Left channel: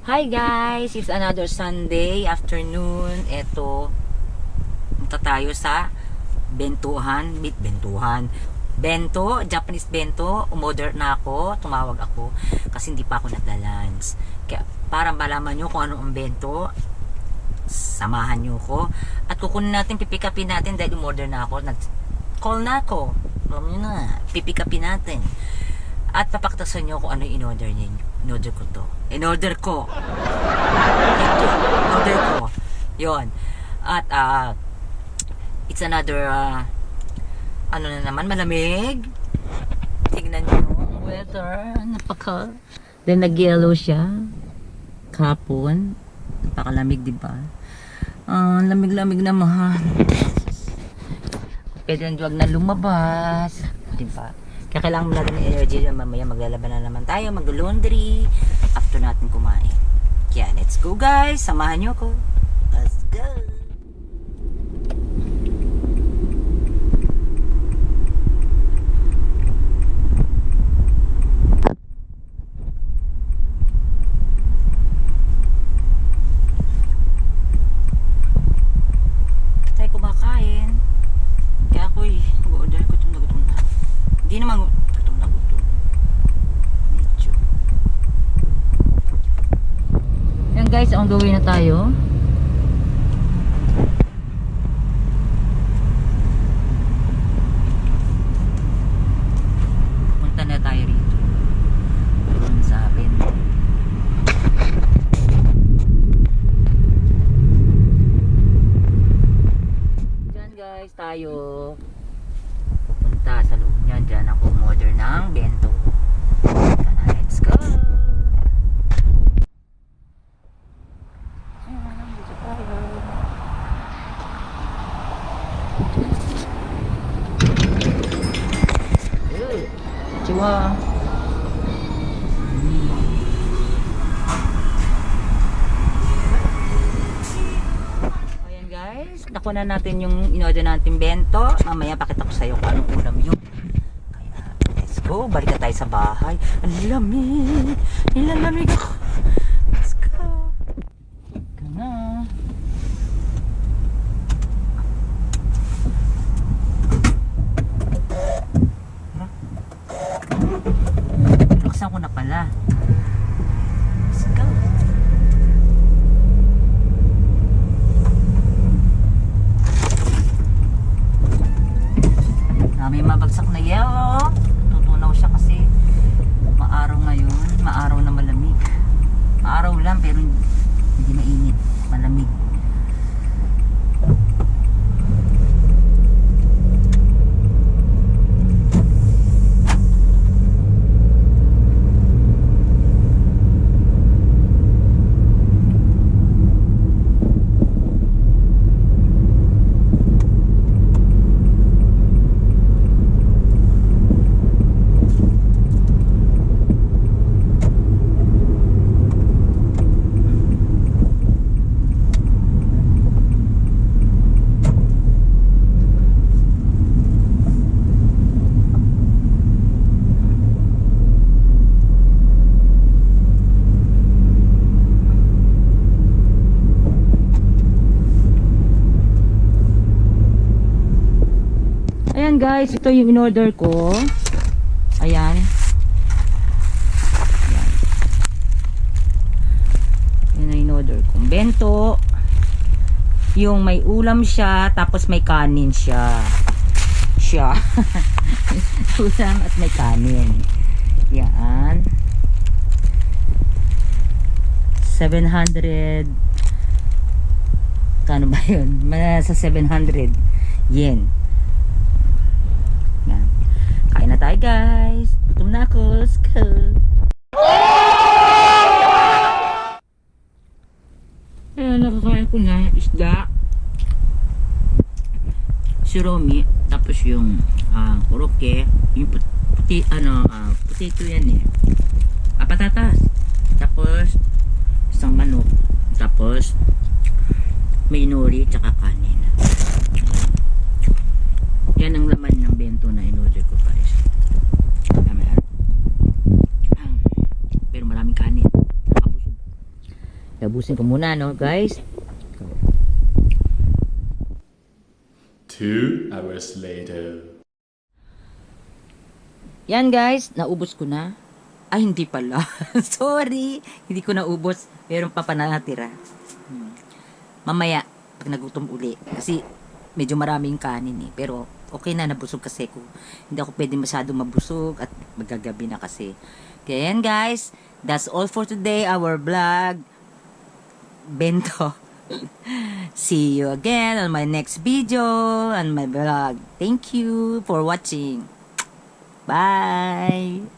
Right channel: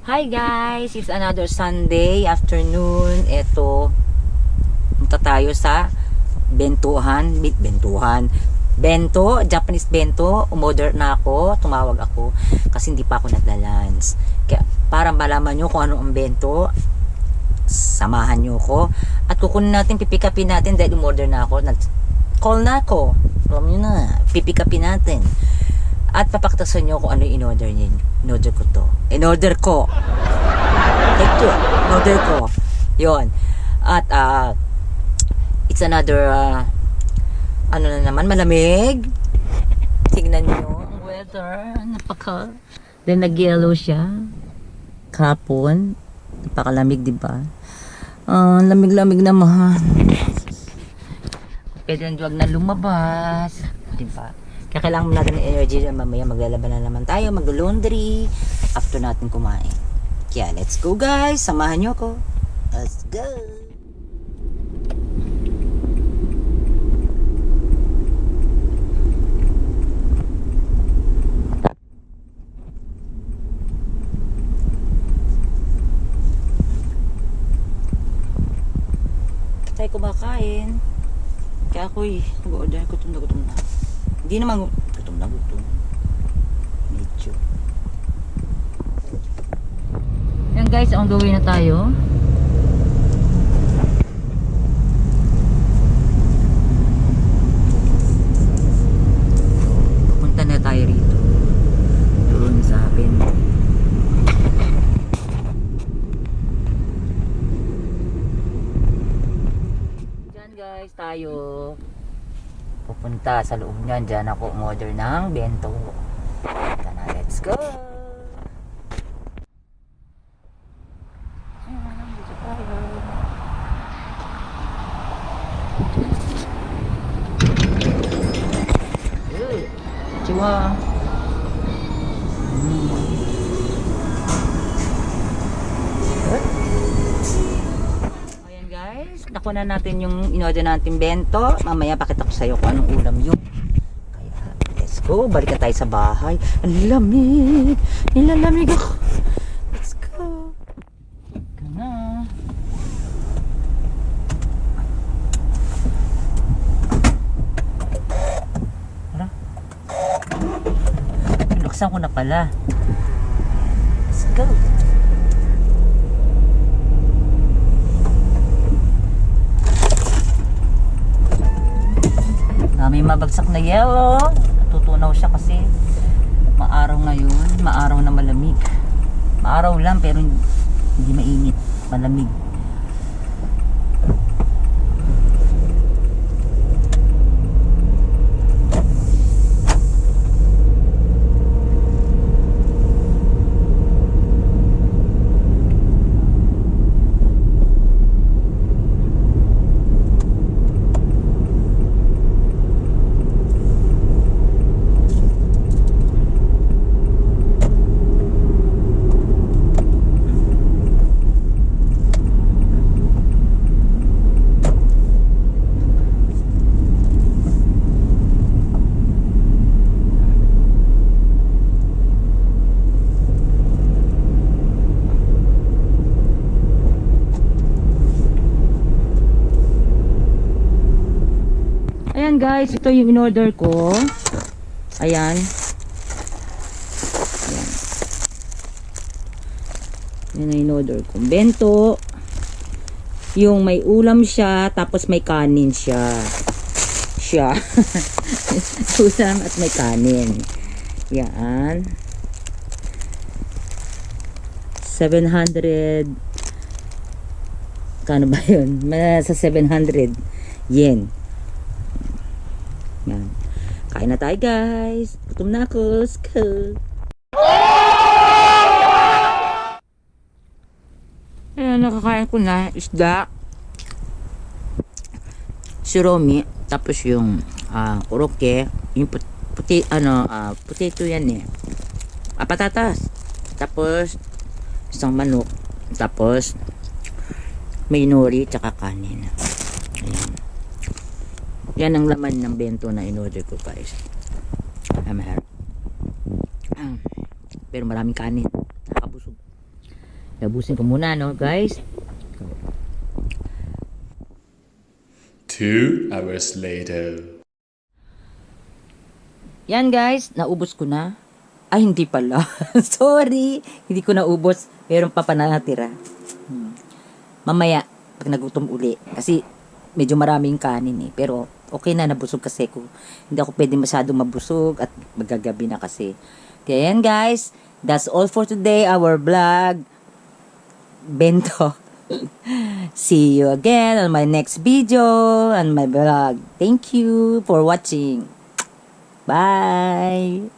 Hi guys! It's another Sunday afternoon. Eto, punta tayo sa Bento, Japanese bento. Umorder na ako, tumawag ako kasi hindi pa ako nagla-lunch. Kaya para malaman nyo kung ano ang bento, samahan nyo ko at kukunin natin, pipikapin natin dahil umorder na ako. Nag-call na ako. Alam nyo na, pipikapin natin. At papaktasan nyo kung ano yung in-order niyo. In-order ko to. In-order ko. Ito. In-order ko. Yun. At, it's another, ano na naman, malamig. Tignan nyo ang weather. Then, nag-yellow siya. Kapon. Napakalamig, diba? Lamig-lamig naman. Pwede lang duwag na lumabas. Diba? Kaya kailangan mo natin ng energy. Mamaya maglalaban na naman tayo, mag-laundry after natin kumain. Kaya let's go guys, samahan nyo ko. Let's go. Tayo kumakain. Kaya ako'y nag-order, gutom na. Hindi naman gutom na. Medyo. Yan guys, on the way na tayo. Punta na tayo rito. Doon sa Bento. Diyan guys, tayo pupunta sa loob niyan. Diyan ako umorder ng bento. Kana, let's go. Dito tayo. Chiwa. Ayan guys, nakuha na natin yung in-order natin bento. Mamaya pakita ko sa iyo kung anong ulam yun. Kaya let's go, balik na tayo sa bahay. Ang lamig, nilalamig ako. Let's go. Ika na. Tara. Luksan ko na pala. Let's go. May mabagsak na yellow. Tutunaw siya kasi maaraw ngayon. Maaraw na malamig. Maaraw lang pero hindi mainit. Malamig. Ayan guys, ito yung in-order ko. Ayan. Ayan. Yan ang in-order ko. Bento. Yung may ulam siya, tapos may kanin siya. Ulam at may kanin. Yan. 700. Kano ba yun? Sa 700 yen. Yan. Kain na tayo guys. Gutom na ako. Let's go. Ayan, nakakain ko na isda, siromi, tapos yung koroke, yung potato yan eh. Patatas. Tapos isang manok. Tapos may nori tsaka kanin. Ayan. Yan ang laman ng bento na in-order ko guys. Pero maraming kanin. Nakabusog. Labusin ko muna, no, guys. 2 hours later. Yan, guys. Naubos ko na. Ay, hindi pala. Sorry. Hindi ko naubos. Meron pa natira. Mamaya, pag nagutom uli. Kasi, medyo maraming kanin eh. Pero, okay na, nabusog kasi ko. Hindi ako pwede masyadong mabusog at magagabi na kasi. Kaya yan, guys. That's all for today. Our vlog. Bento. See you again on my next video on my vlog. Thank you for watching. Bye.